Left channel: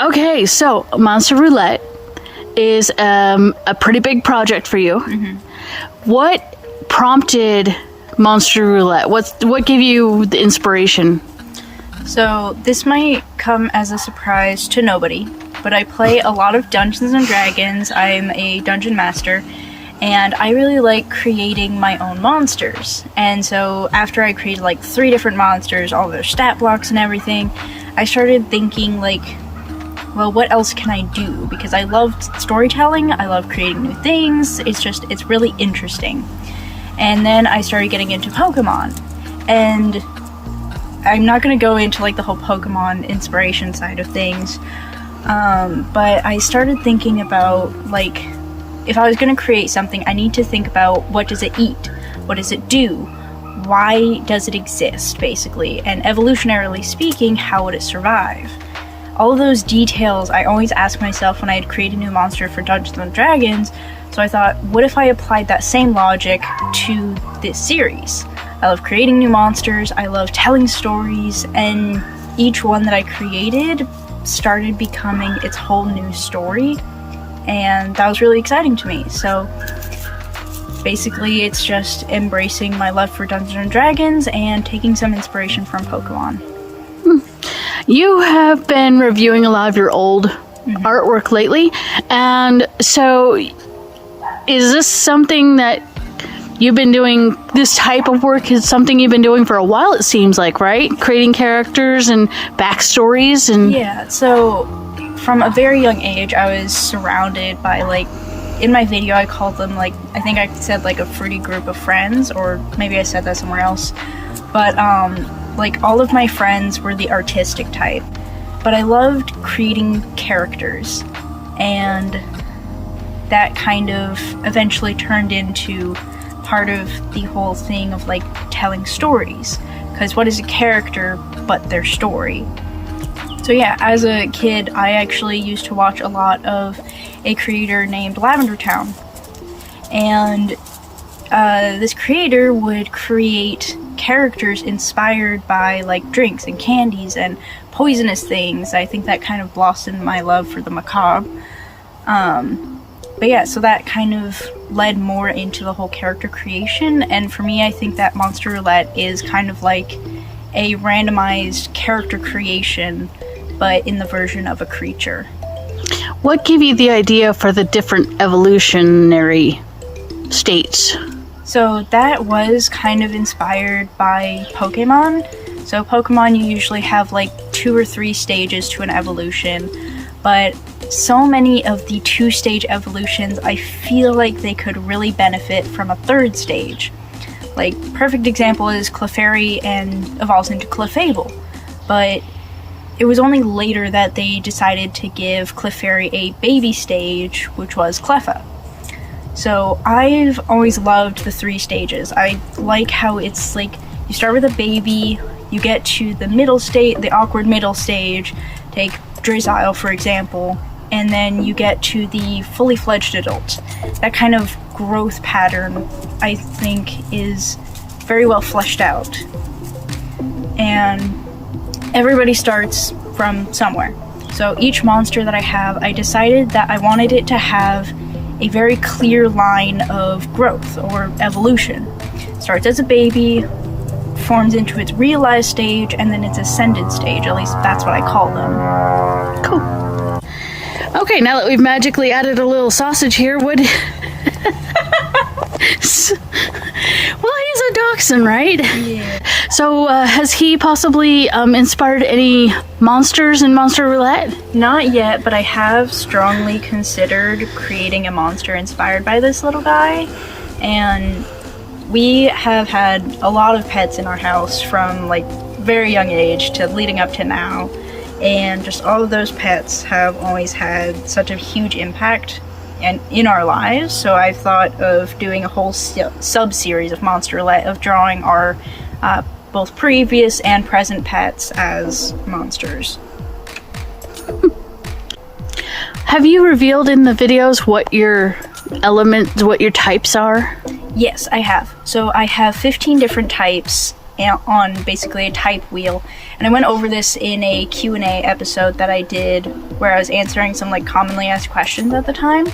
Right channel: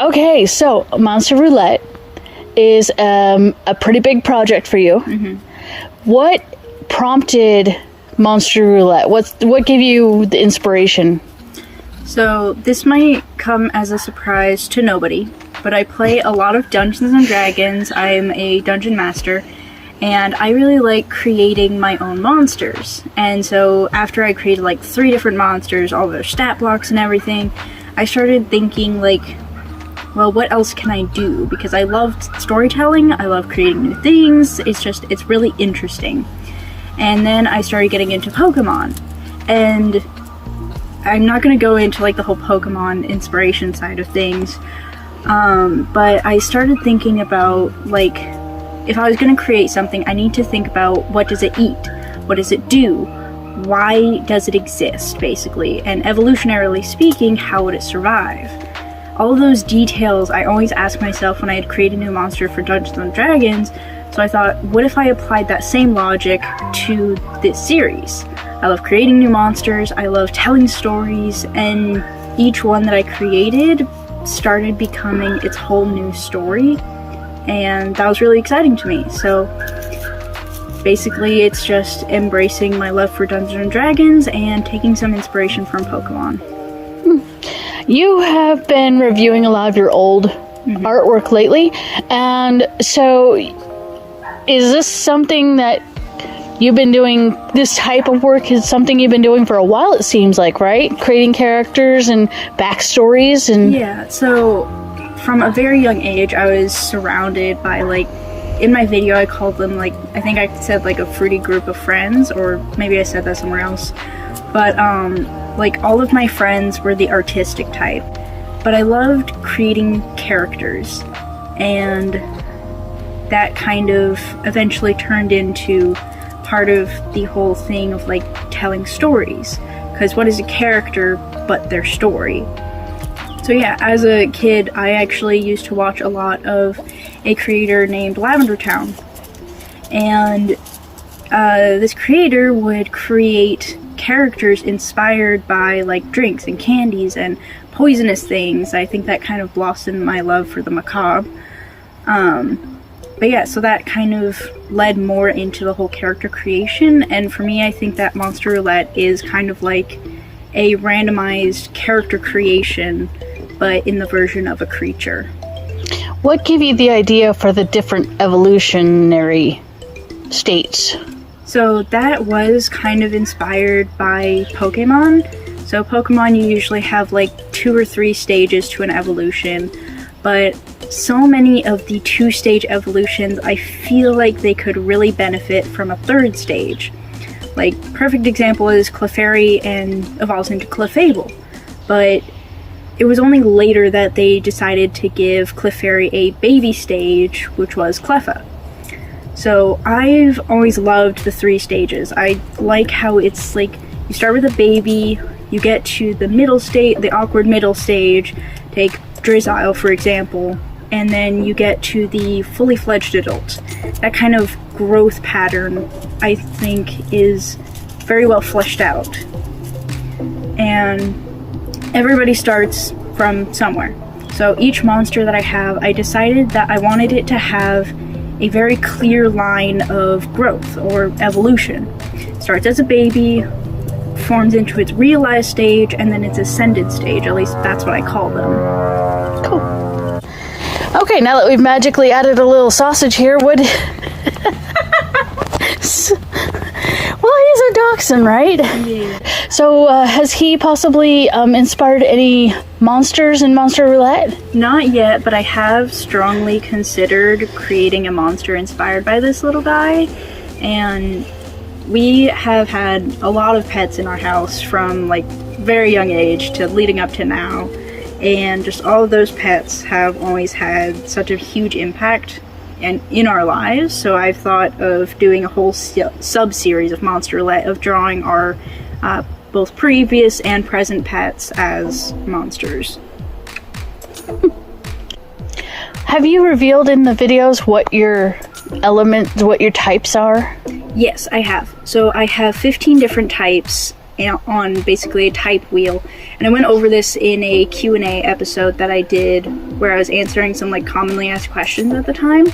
Okay, so Monster Roulette is a pretty big project for you. What prompted Monster Roulette? What gave you the inspiration? So this might come as a surprise to nobody, but I play a lot of Dungeons and Dragons. I'm a dungeon master, and I really like creating my own monsters. And so after I created like 3 different monsters, all their stat blocks and everything, I started thinking like, well, what else can I do? Because I love storytelling, I love creating new things, it's really interesting. And then I started getting into Pokemon, and I'm not going to go into like the whole Pokemon inspiration side of things, but I started thinking about like, if I was going to create something, I need to think about what does it eat? What does it do? Why does it exist, basically? And evolutionarily speaking, how would it survive? All of those details I always ask myself when I'd create a new monster for Dungeons and Dragons, so I thought, what if I applied that same logic to this series? I love creating new monsters, I love telling stories, and each one that I created started becoming its whole new story, and that was really exciting to me. So basically it's just embracing my love for Dungeons and Dragons and taking some inspiration from Pokemon. You have been reviewing a lot of your old artwork lately, and so is this something that you've been doing, this type of work is something you've been doing for a while, it seems like, right? Creating characters and backstories and... Yeah, so from a very young age, I was surrounded by, like, in my video I called them, like, I think I said, like, a fruity group of friends, or maybe I said that somewhere else. But, like, all of my friends were the artistic type. But I loved creating characters, and that kind of eventually turned into part of the whole thing of like telling stories, because what is a character but their story? So yeah, as a kid I actually used to watch a lot of a creator named Lavender Town, and this creator would create characters inspired by like drinks and candies and poisonous things. I think that kind of blossomed my love for the macabre. But yeah, so that kind of led more into the whole character creation, and for me I think that Monster Roulette is kind of like a randomized character creation, but in the version of a creature. What gave you the idea for the different evolutionary states? So that was kind of inspired by Pokemon. So Pokemon, you usually have like 2 or 3 stages to an evolution, but so many of the 2-stage evolutions, I feel like they could really benefit from a 3rd stage. Like, perfect example is Clefairy and evolves into Clefable, but it was only later that they decided to give Clefairy a baby stage, which was Cleffa. So I've always loved the 3 stages. I like how it's like, you start with a baby, you get to the middle state, the awkward middle stage, take Drizzile for example, and then you get to the fully fledged adult. That kind of growth pattern, I think, is very well fleshed out. And everybody starts from somewhere. So each monster that I have, I decided that I wanted it to have a very clear line of growth or evolution. It starts as a baby, forms into its realized stage, and then its ascended stage. At least that's what I call them. Cool. Okay, now that we've magically added a little sausage here, would... Well, he's a dachshund, right? Yeah. So, has he possibly inspired any monsters in Monster Roulette? Not yet, but I have strongly considered creating a monster inspired by this little guy. And we have had a lot of pets in our house from like very young age to leading up to now. And just all of those pets have always had such a huge impact in our lives, so I've thought of doing a whole sub-series of Monster Roulette of drawing our both previous and present pets as monsters. Have you revealed in the videos what your elements, what your types are? Yes, I have. So I have 15 different types, on basically a type wheel. And I went over this in a Q&A episode that I did where I was answering some like commonly asked questions at the time.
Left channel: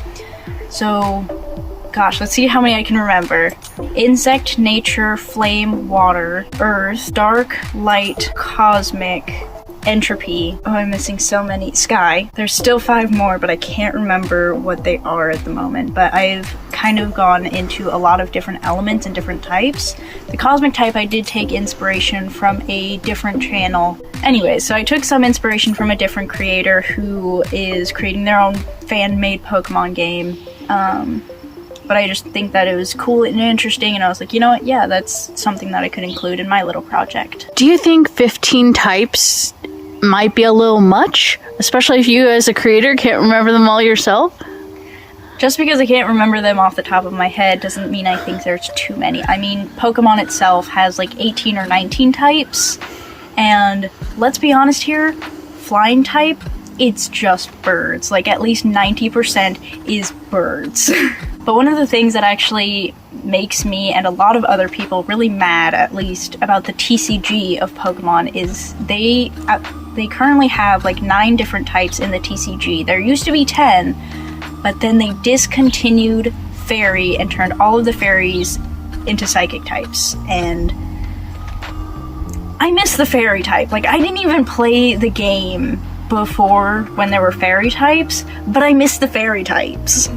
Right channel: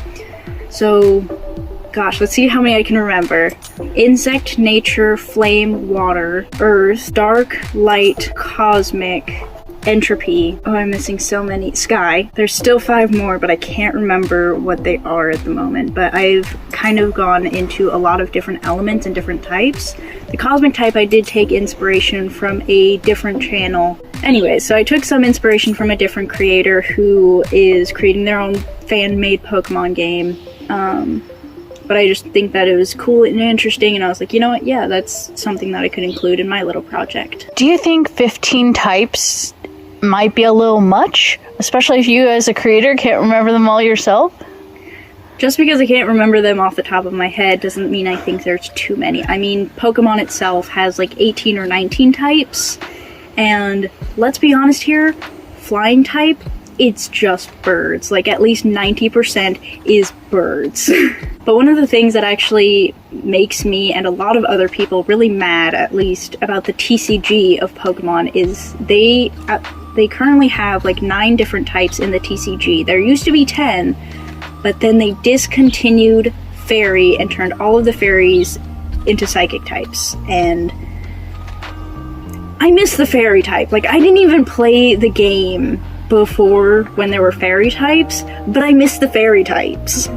So, gosh, let's see how many I can remember. Insect, nature, flame, water, earth, dark, light, cosmic, entropy. Oh, I'm missing so many. Sky. There's still 5 more, but I can't remember what they are at the moment. But I've kind of gone into a lot of different elements and different types. The cosmic type, I did take inspiration from a different channel. Anyway, so I took some inspiration from a different creator who is creating their own fan-made Pokemon game. But I just think that it was cool and interesting, and I was like, you know what, yeah, that's something that I could include in my little project. Do you think 15 types might be a little much? Especially if you as a creator can't remember them all yourself? Just because I can't remember them off the top of my head doesn't mean I think there's too many. I mean, Pokemon itself has like 18 or 19 types, and let's be honest here, flying type, it's just birds. Like, at least 90% is birds. But one of the things that actually makes me and a lot of other people really mad, at least, about the TCG of Pokemon is they currently have like 9 different types in the TCG. There used to be 10, but then they discontinued Fairy and turned all of the fairies into psychic types. And I miss the Fairy type. Like, I didn't even play the game before when there were fairy types, but I miss the fairy types.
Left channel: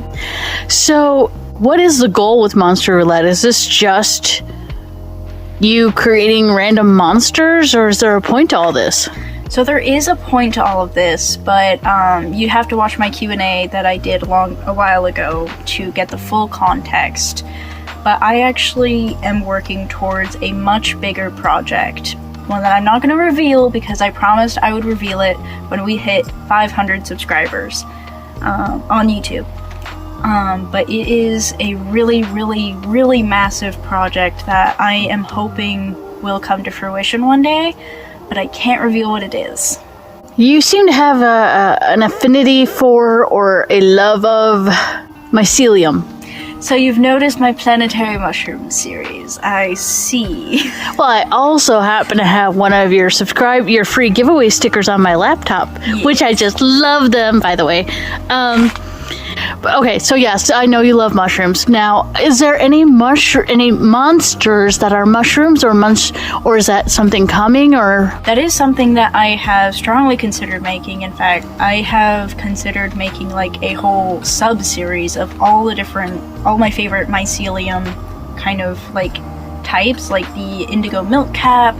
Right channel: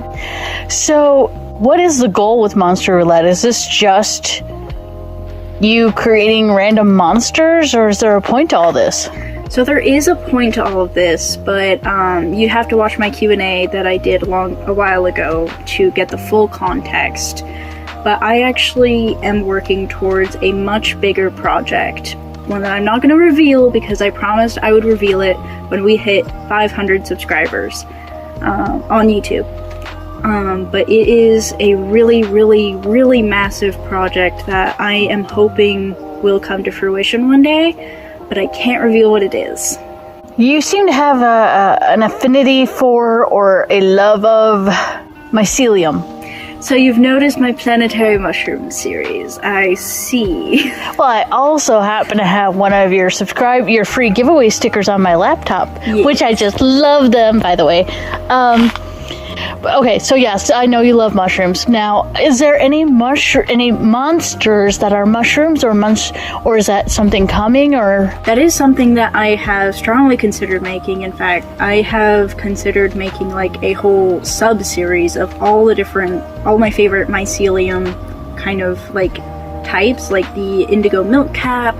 So, what is the goal with Monster Roulette? Is this just you creating random monsters, or is there a point to all this? So there is a point to all of this, but you have to watch my Q&A that I did a while ago to get the full context. But I actually am working towards a much bigger project, one that I'm not going to reveal because I promised I would reveal it when we hit 500 subscribers on YouTube. But it is a really, really, really massive project that I am hoping will come to fruition one day, but I can't reveal what it is. You seem to have an affinity for or a love of mycelium. So you've noticed my planetary mushroom series. I see. Well, I also happen to have one of your free giveaway stickers on my laptop, which I just love them, by the way. Okay, so yes, I know you love mushrooms. Now, is there any monsters that are mushrooms, or is that something coming, or? That is something that I have strongly considered making. In fact, I have considered making like a whole sub-series of all my favorite mycelium kind of like types, like the indigo milk cap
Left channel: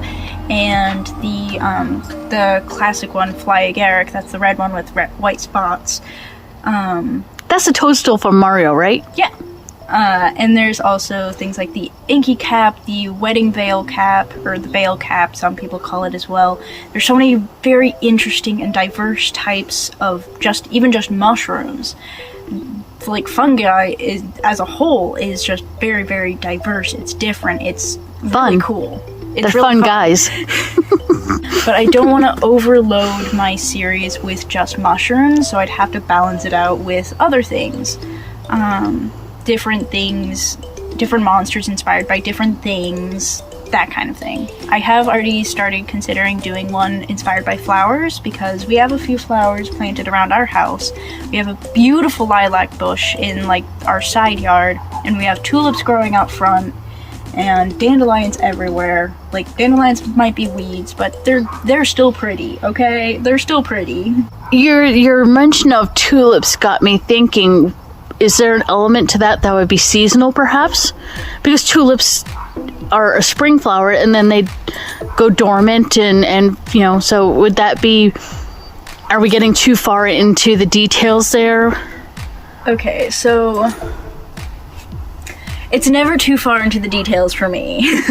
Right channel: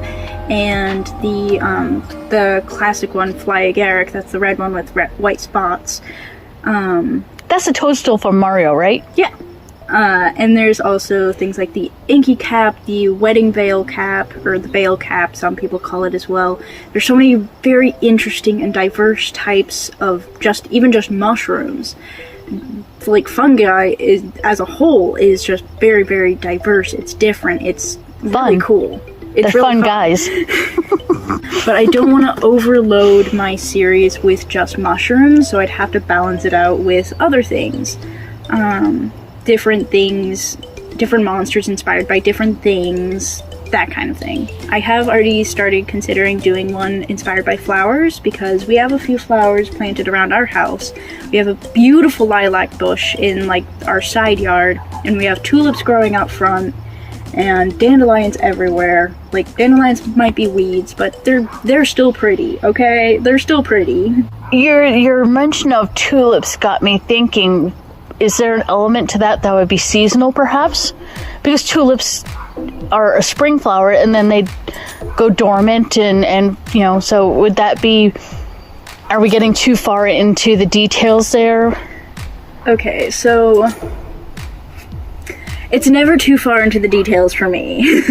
and the classic one, Fly Agaric. That's the red one with white spots. That's the toadstool from Mario, right? Yeah. And there's also things like the Inky cap, the Wedding Veil cap, or the Veil cap, some people call it as well. There's so many very interesting and diverse types of just mushrooms. Like fungi as a whole is just very, very diverse. It's different. It's really cool. It's They're really fun guys. But I don't want to overload my series with just mushrooms, so I'd have to balance it out with other things. Different monsters inspired by different things, that kind of thing. I have already started considering doing one inspired by flowers, because we have a few flowers planted around our house. We have a beautiful lilac bush in like our side yard, and we have tulips growing out front, and dandelions everywhere. Like, dandelions might be weeds, but they're still pretty, okay? They're still pretty. Your mention of tulips got me thinking, is there an element to that would be seasonal, perhaps? Because tulips are a spring flower, and then they go dormant, and so would that be... Are we getting too far into the details there? Okay, so... It's never too far into the details for me.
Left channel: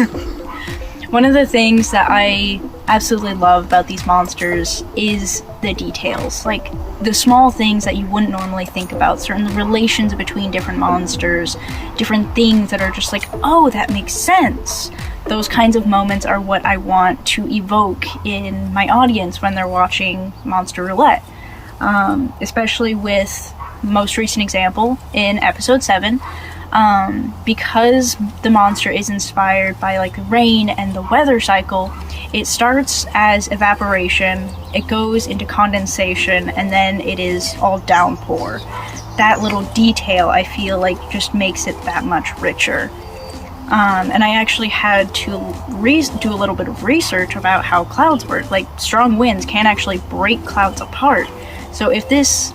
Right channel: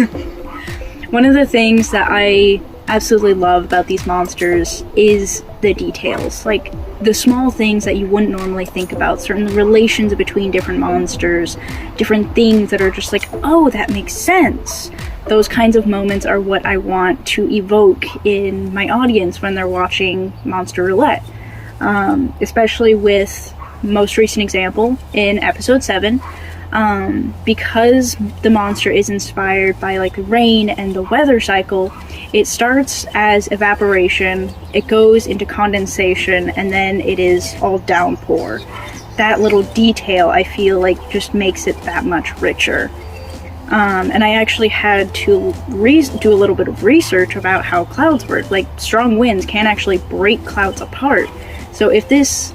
One of the things that I absolutely love about these monsters is the details. Like, the small things that you wouldn't normally think about, certain relations between different monsters, different things that are just like, oh, that makes sense. Those kinds of moments are what I want to evoke in my audience when they're watching Monster Roulette. Especially with most recent example in episode 7. Because the monster is inspired by like rain and the weather cycle, it starts as evaporation, it goes into condensation, and then it is all downpour. That little detail, I feel like, just makes it that much richer. And I actually had to do a little bit of research about how clouds work. Like, strong winds can actually break clouds apart. So if this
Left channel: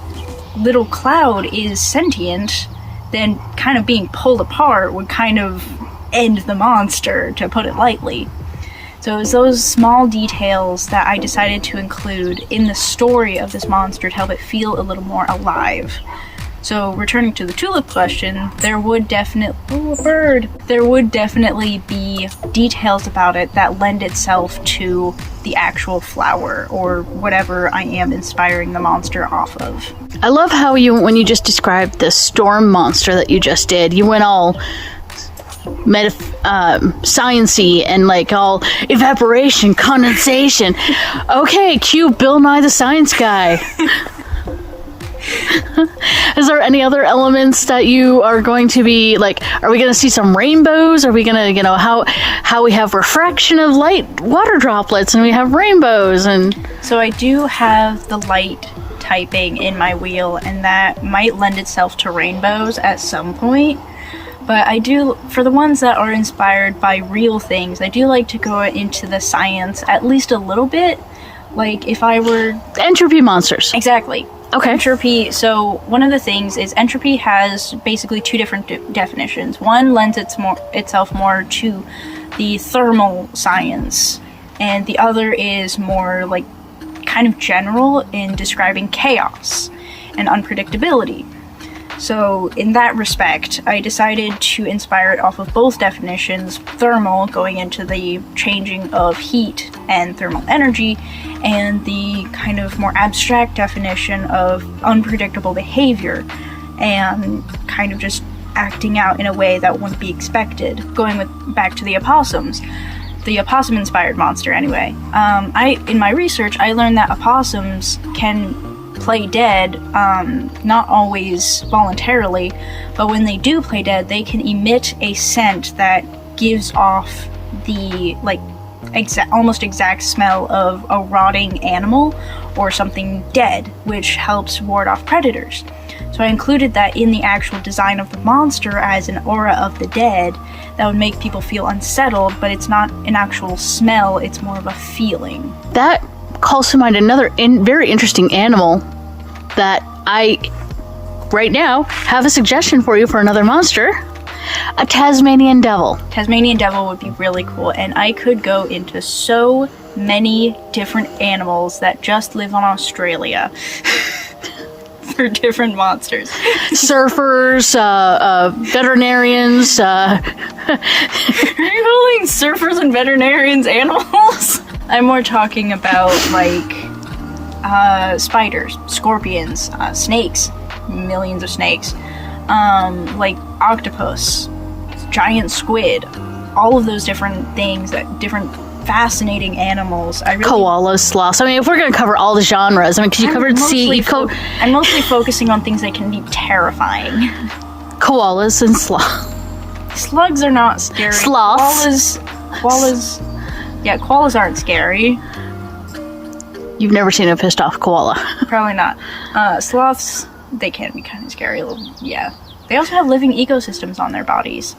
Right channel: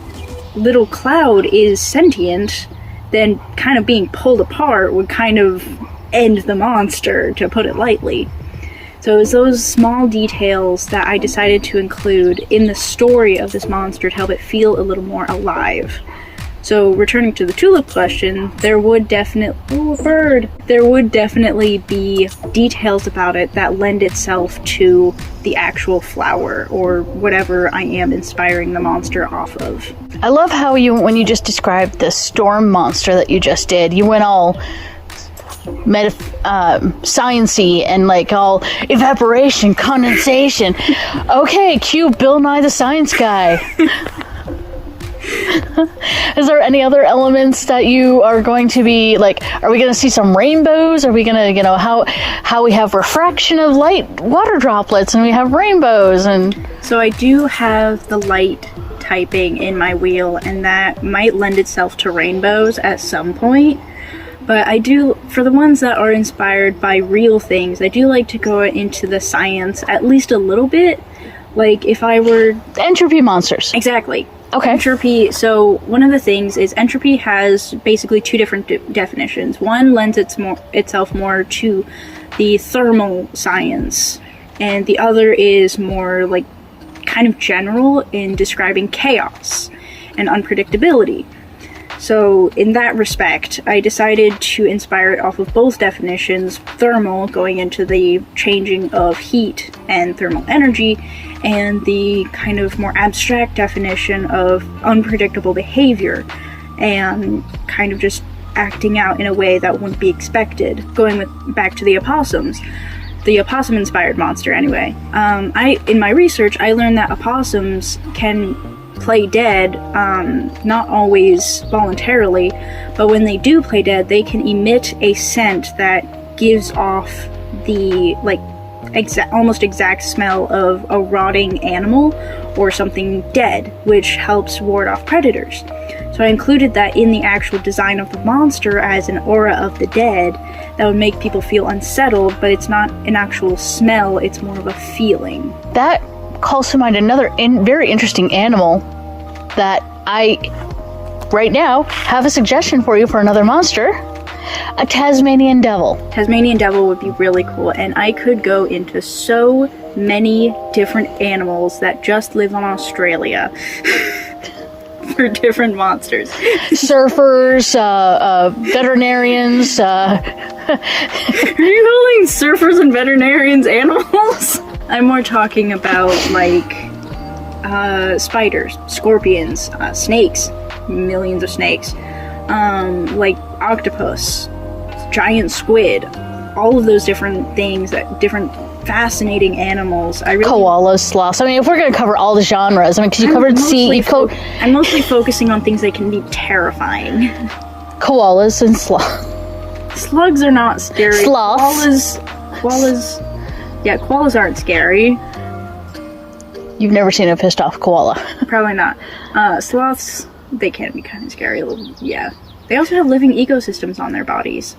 little cloud is sentient, then kind of being pulled apart would kind of end the monster, to put it lightly. So it was those small details that I decided to include in the story of this monster to help it feel a little more alive. So returning to the tulip question, there would definitely be details about it that lend itself to the actual flower or whatever I am inspiring the monster off of. I love how when you just described the storm monster that you just did, you went all science-y and like all evaporation, condensation. Okay, cue Bill Nye the Science Guy. Is there any other elements that you are going to be like, are we going to see some rainbows? Are we going to, how we have refraction of light water droplets and we have rainbows? And so I do have the light typing in my wheel, and that might lend itself to rainbows at some point. But I do, for the ones that are inspired by real things, I do like to go into the science at least a little bit. Like if I were... Entropy monsters. Exactly. Okay. Entropy, so one of the things is entropy has basically two different definitions. One lends itself more to the thermal science, and the other is more like kind of general in describing chaos and unpredictability. So in that respect, I decided to inspire it off of both definitions, thermal going into the changing of heat and thermal energy, and the kind of more abstract definition of unpredictable behavior and kind of just acting out in a way that wouldn't be expected. Back to the opossums. The opossum-inspired monster, anyway. In my research, I learned that opossums can play dead, not always voluntarily, but when they do play dead, they can emit a scent that gives off the, almost exact smell of a rotting animal or something dead, which helps ward off predators. So I included that in the actual design of the monster as an aura of the dead that would make people feel unsettled, but it's not an actual smell, it's more of a feeling. That calls to mind another very interesting animal that I, right now, have a suggestion for you for another monster. A Tasmanian devil. Tasmanian devil would be really cool, and I could go into so many different animals that just live on Australia for different monsters. Surfers, veterinarians. Are you calling surfers and veterinarians animals? I'm more talking about spiders, scorpions, snakes, millions of snakes, like octopus, giant squid, all of those different things, different fascinating animals. Koalas, sloths. I mean, if we're going to cover all the genres, because you covered I'm mostly focusing on things that can be terrifying. Koalas and sloths. Slugs are not scary. Sloths. Koalas aren't scary. You've never seen a pissed off koala. Probably not. Sloths, they can be kind of scary a little. Yeah. They also have living ecosystems on their bodies.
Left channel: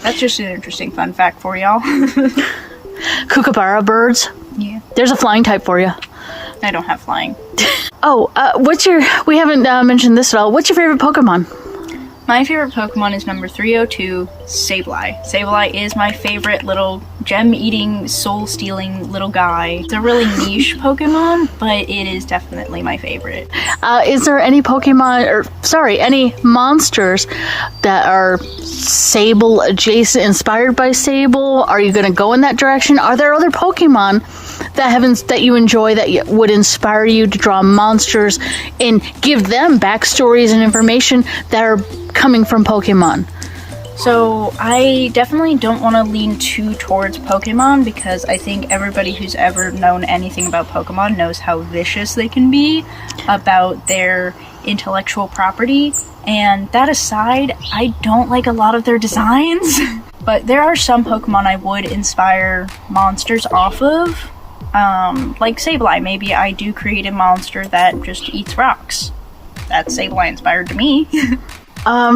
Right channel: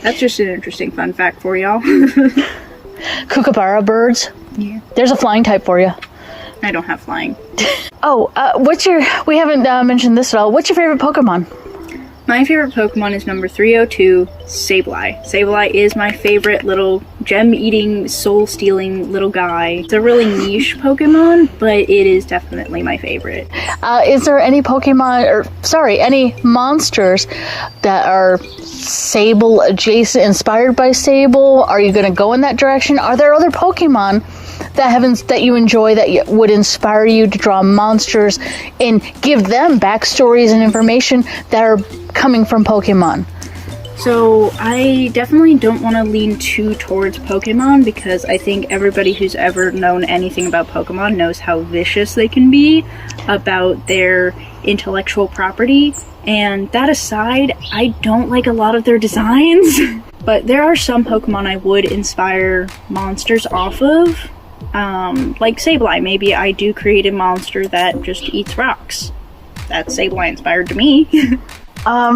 That's just an interesting fun fact for y'all. Kookaburra birds. Yeah. There's a flying type for you. I don't have flying. We haven't mentioned this at all. What's your favorite Pokemon? My favorite Pokemon is number 302, Sableye. Sableye is my favorite little gem-eating, soul-stealing little guy. It's a really niche Pokemon, but it is definitely my favorite. Is there any any monsters that are Sable adjacent, inspired by Sable? Are you going to go in that direction? Are there other Pokemon that you enjoy that would inspire you to draw monsters and give them backstories and information that are coming from Pokemon? So I definitely don't want to lean too towards Pokemon, because I think everybody who's ever known anything about Pokemon knows how vicious they can be. about their intellectual property. And that aside, I don't like a lot of their designs. But there are some Pokemon I would inspire monsters off of. Like Sableye. Maybe I do create a monster that just eats rocks. That's Sableye inspired to me.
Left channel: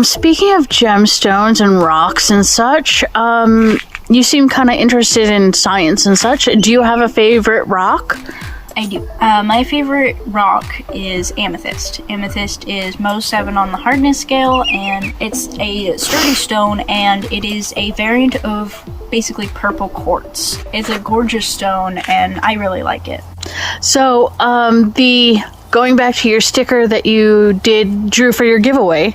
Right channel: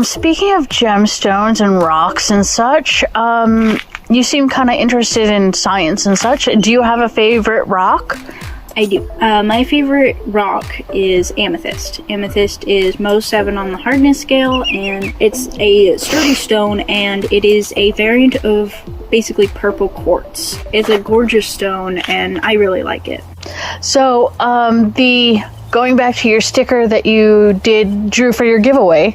Speaking of gemstones and rocks and such, you seem kind of interested in science and such. Do you have a favorite rock? I do. My favorite rock is amethyst. Amethyst is most 7 on the hardness scale, and it's a sturdy stone, and it is a variant of basically purple quartz. It's a gorgeous stone, and I really like it. So, going back to your sticker that you drew for your giveaway,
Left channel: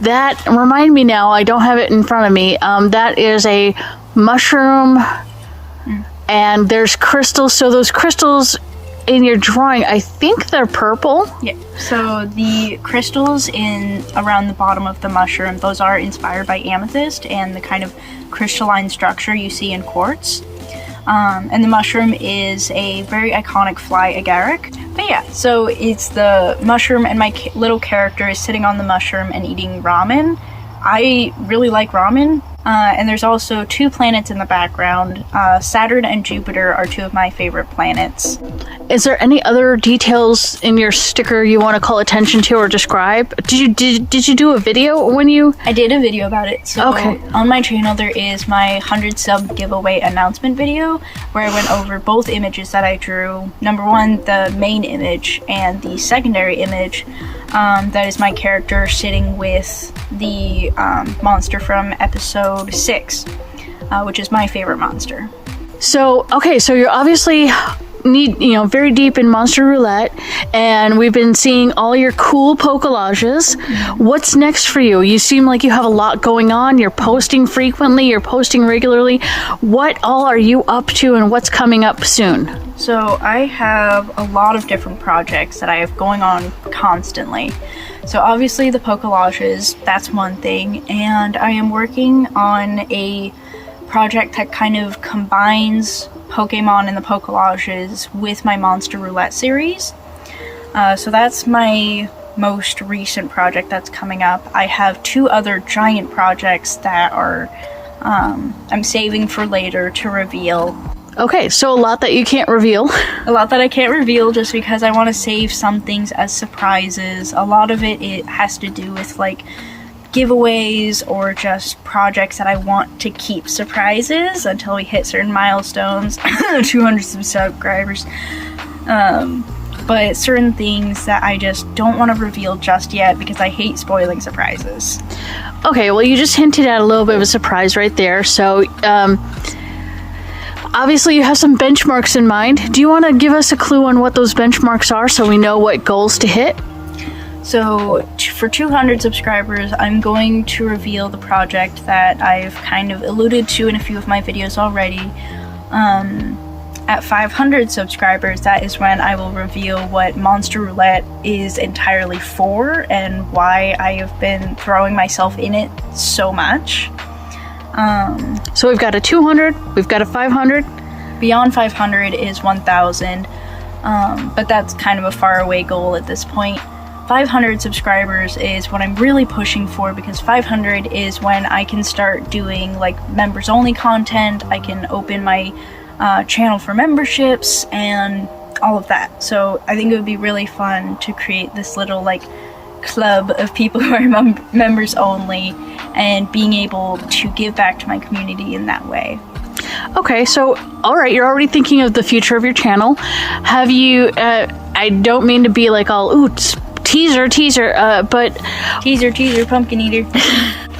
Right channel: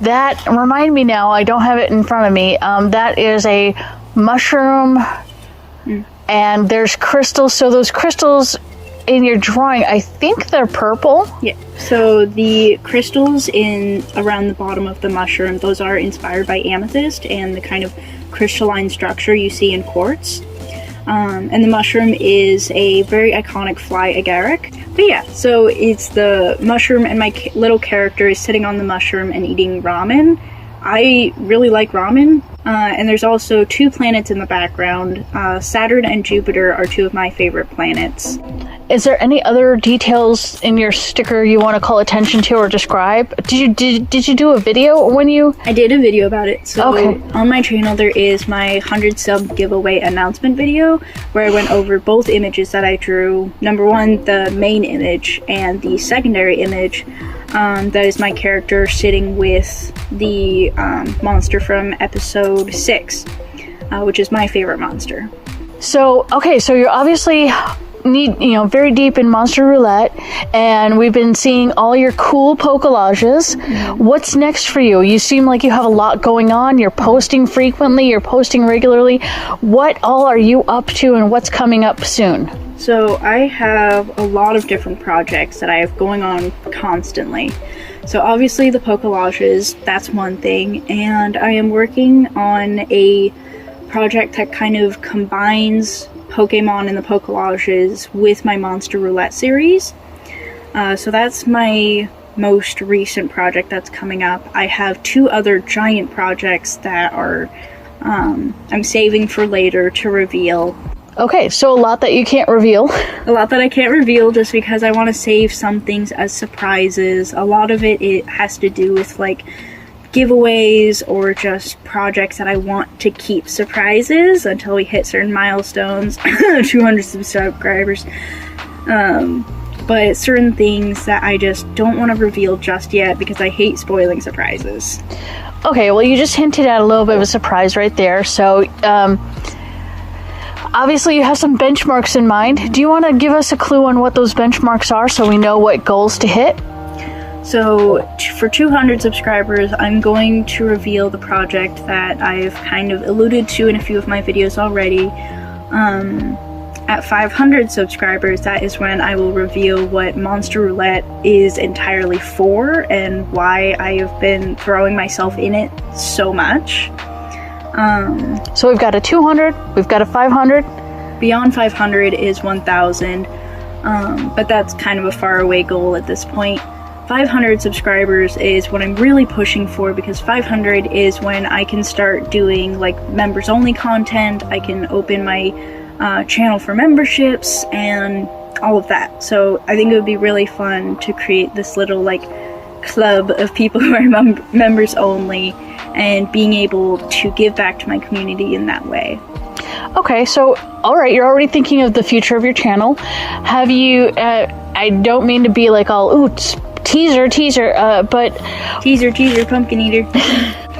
that remind me now, I don't have it in front of me, that is a mushroom, and there's crystals. So those crystals in your drawing, I think they're purple. Yeah. So the crystals around the bottom of the mushroom, those are inspired by amethyst and the kind of crystalline structure you see in quartz. And the mushroom is a very iconic fly agaric. But yeah, so it's the mushroom, and my little character is sitting on the mushroom and eating ramen. I really like ramen. And there's also 2 planets in the background. Saturn and Jupiter are 2 of my favorite planets. Is there any other details in your sticker you want to call attention to or describe? Did you do a video when you... I did a video about it. So on my channel there is my 100 sub giveaway announcement video where I went over both images that I drew. Number 1, the main image, and the secondary image. That is my character sitting with the monster from episode 6, which is my favorite monster. So you're obviously very deep in Monster Roulette, and we've been seeing all your cool Pokélages. What's next for you? You seem like you have a lot going on. You're posting frequently, you're posting regularly. What all are you up to, and what's coming up soon? So I have a lot of different projects that I have going on constantly. So obviously the Pokélages, that's one thing, and I am working on a project that kind of combines Pokemon and the Pokélages with my Monster Roulette series. So that's my most recent project that's coming up. I have 2 other giant projects that are I'm saving for later to reveal. Okay, so a lot that you can't reveal. A lot that I can't reveal just because I want to save some things as surprises. A lot of it has to do with like giveaways or just projects that I want to keep surprises until we hit certain milestones, 200 subscribers. But certain things that I just don't want to reveal just yet because I hate spoiling surprises. Okay, well, you just hinted at a little bit of a surprise right there. So, obviously you have some benchmarks in mind. Do you want to give us a clue on what those benchmarks are so we know what goals to hit? So for 200 subscribers, I'm going to reveal the project that I've kind of alluded to in a few of my videos already. At 500 subscribers, that is when I will reveal what Monster Roulette is entirely for and why I have been throwing myself in it so much. So we've got a 200, we've got a 500. Beyond 500 is 1,000, but that's kind of a faraway goal at this point. 500 subscribers is what I'm really pushing for because 500 is when I can start doing like members only content. I can open my channel for memberships and all of that. So I think it would be really fun to create this little like club of people who are members only and being able to give back to my community in that way. Okay, so alright, you're already thinking of the future of your channel. Have you, I don't mean to be like all, ooh, teaser, but... Teaser, pumpkin eater.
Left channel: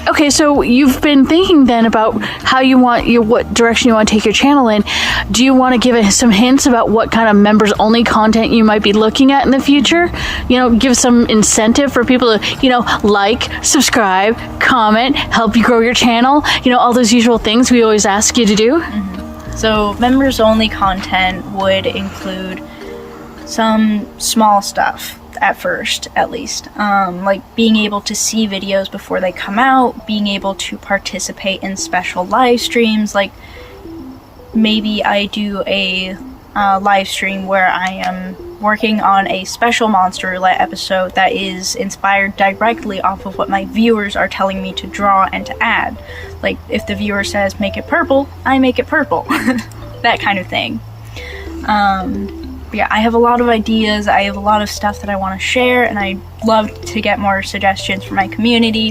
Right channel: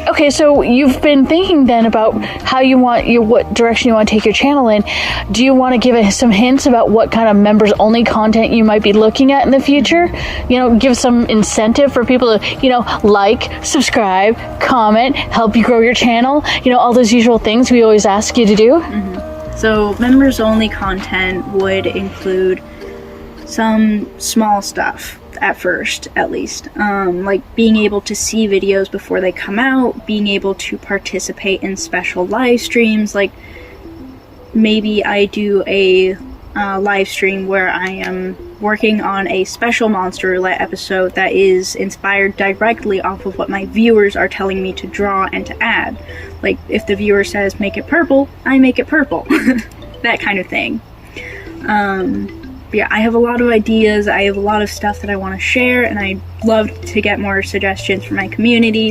Okay, so you've been thinking then about how you want what direction you want to take your channel in. Do you want to give us some hints about what kind of members only content you might be looking at in the future? You know, give some incentive for people to, like, subscribe, comment, help you grow your channel, all those usual things we always ask you to do. Mm-hmm. So members only content would include some small stuff. At first, at least. Like being able to see videos before they come out, being able to participate in special live streams, like maybe I do a live stream where I am working on a special Monster Roulette episode that is inspired directly off of what my viewers are telling me to draw and to add. Like, if the viewer says, make it purple, I make it purple. That kind of thing. Yeah, I have a lot of ideas, I have a lot of stuff that I want to share, and I love to get more suggestions from my community.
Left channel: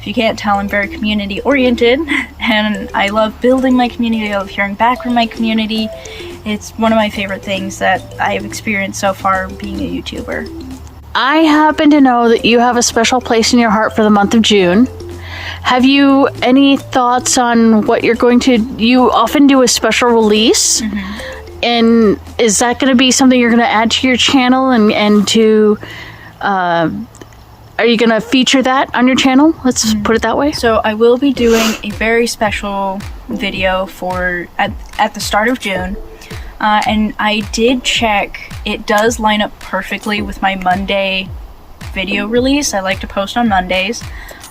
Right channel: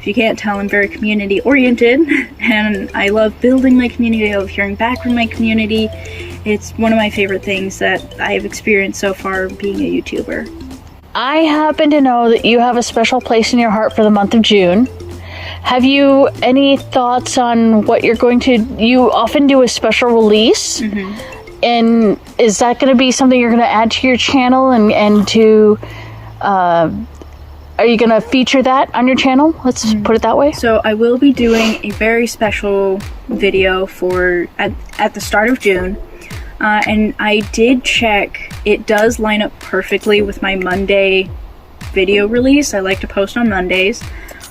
If you can't tell, I'm very community oriented, and I love building my community, I love hearing back from my community. It's one of my favorite things that I have experienced so far being a YouTuber. I happen to know that you have a special place in your heart for the month of June. Have you any thoughts on what you're going to... You often do a special release, and is that going to be something you're going to add to your channel and to... Are you going to feature that on your channel? Let's put it that way. So I will be doing a very special video for at the start of June. And I did check, it does line up perfectly with my Monday video release. I like to post on Mondays.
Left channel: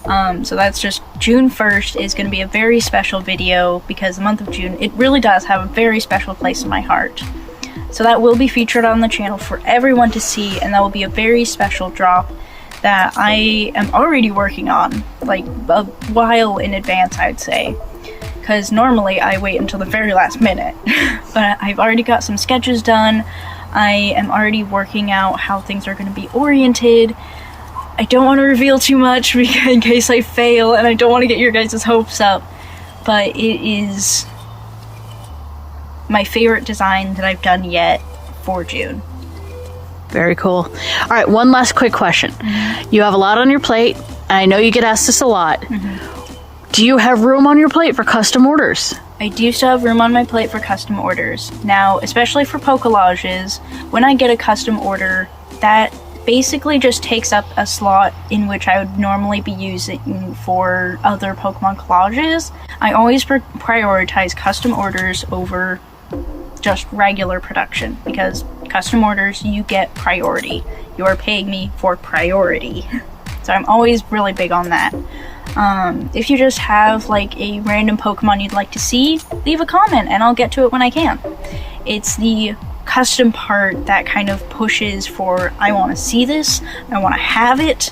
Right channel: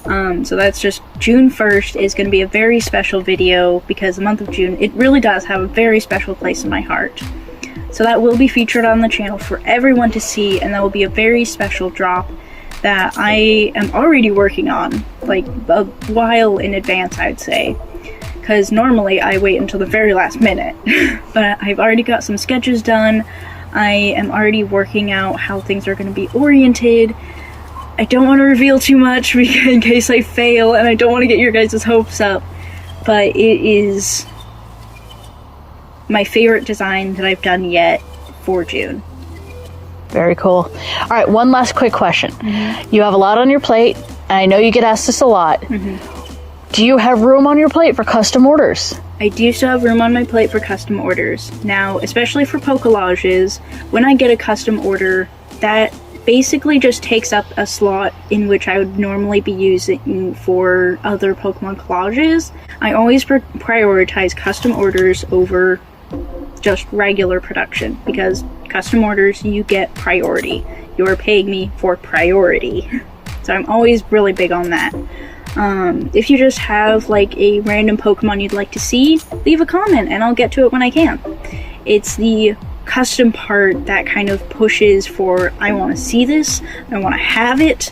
So that's just June 1st is going to be a very special video because the month of June, it really does have a very special place in my heart. So that will be featured on the channel for everyone to see, and that will be a very special drop that I am already working on, like a while in advance, I'd say. Because normally I wait until the very last minute. But I've already got some sketches done. I am already working out how things are going to be oriented. I don't want to reveal too much in case I fail, and I don't want to get your guys' hopes up. But it is my favorite design that I've done yet for June. Very cool. All right, one last quick question. You have a lot on your plate. I know you get asked this a lot. Do you have room on your plate for custom orders? I do still have room on my plate for custom orders. Now, especially for Pocollages, when I get a custom order, that basically just takes up a slot in which I would normally be using for other Pokemon collages. I always prioritize custom orders over just regular production, because custom orders, you get priority. You are paying me for priority. So I'm always really big on that. If you just have like a random Pokemon you'd like to see, leave a comment and I'll get to it when I can. It's the custom part that kind of pushes for, I want to see this, I want to have it.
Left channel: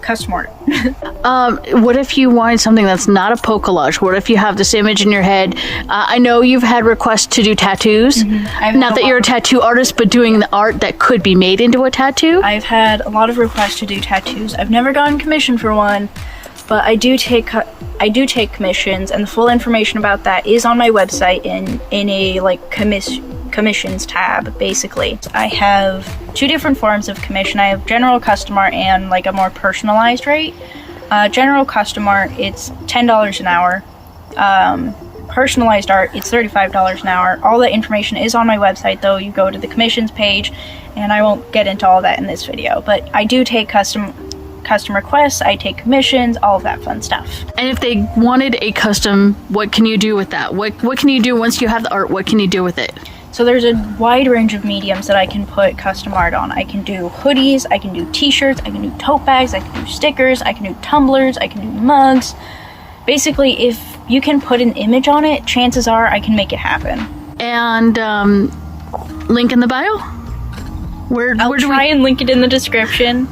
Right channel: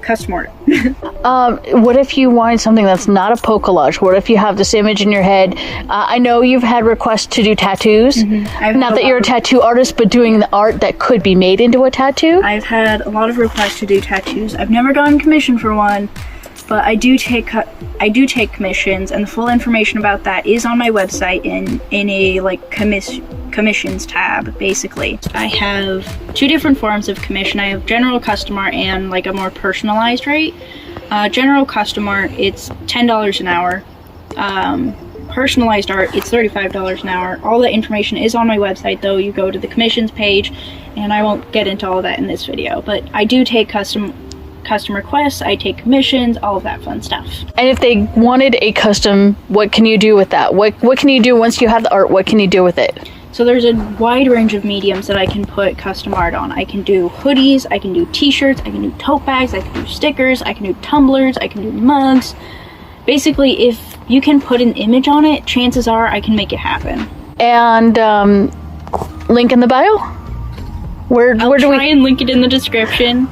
Custom order. What if you want something that's not a Pocollage? What if you have this image in your head? I know you've had requests to do tattoos. Not that you're a tattoo artist, but doing the art that could be made into a tattoo. I've had a lot of requests to do tattoos. I've never gotten commissioned for one, but I do take commissions, and the full information about that is on my website in a like commissions tab. Basically, I have two different forms of commission. I have general custom art and like a more personalized rate. General custom art, it's $10 an hour. Personalized art, it's $35 an hour. All that information is on my website, though. You go to the commissions page, and I won't get into all that in this video, but I do take custom requests, I take commissions, all of that fun stuff. And if they wanted a custom, what can you do with that? What can you do once you have the art? What can you do with it? So there's a wide range of mediums that I can put custom art on. I can do hoodies, I can do t-shirts, I can do tote bags, I can do stickers, I can do tumblers, I can do mugs. Basically, if you can put an image on it, chances are I can make it happen. And link in the bio? Where do we try and link it in the description.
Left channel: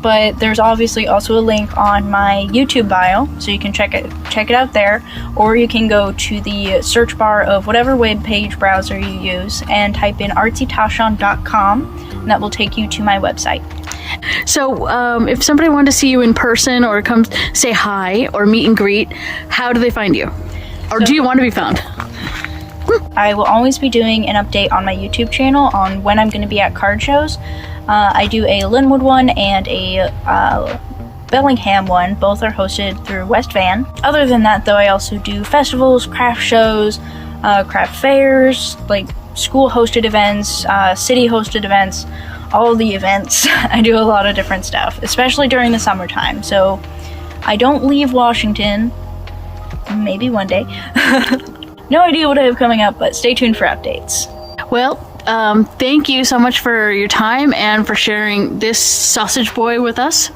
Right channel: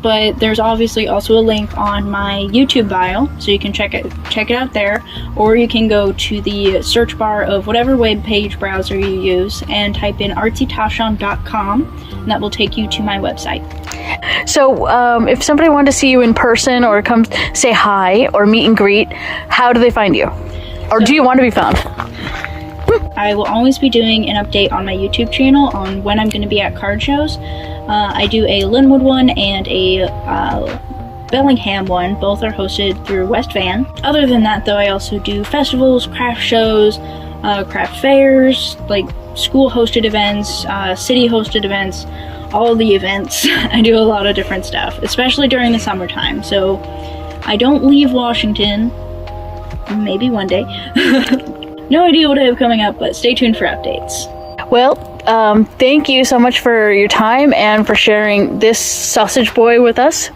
But there's obviously also a link on my YouTube bio, so you can check it out there, or you can go to the search bar of whatever web page browser you use and type in artsytashawn.com, and that will take you to my website. So if somebody wanted to see you in person or come say hi or meet and greet, how do they find you? Or do you want to be found? I will always be doing an update on my YouTube channel on when I'm going to be at card shows. I do a Linwood one and a Bellingham one. Both are hosted through West Van. Other than that, though, I also do festivals, craft shows, craft fairs, like school-hosted events, city-hosted events, all of the events. I do a lot of different stuff, especially during the summertime. So I don't leave Washington. Maybe one day. No idea what I have coming up, but stay tuned for updates. Well, thank you so much for your time and for sharing this sausage boy with us.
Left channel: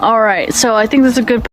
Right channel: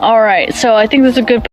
All right, so I think this is a good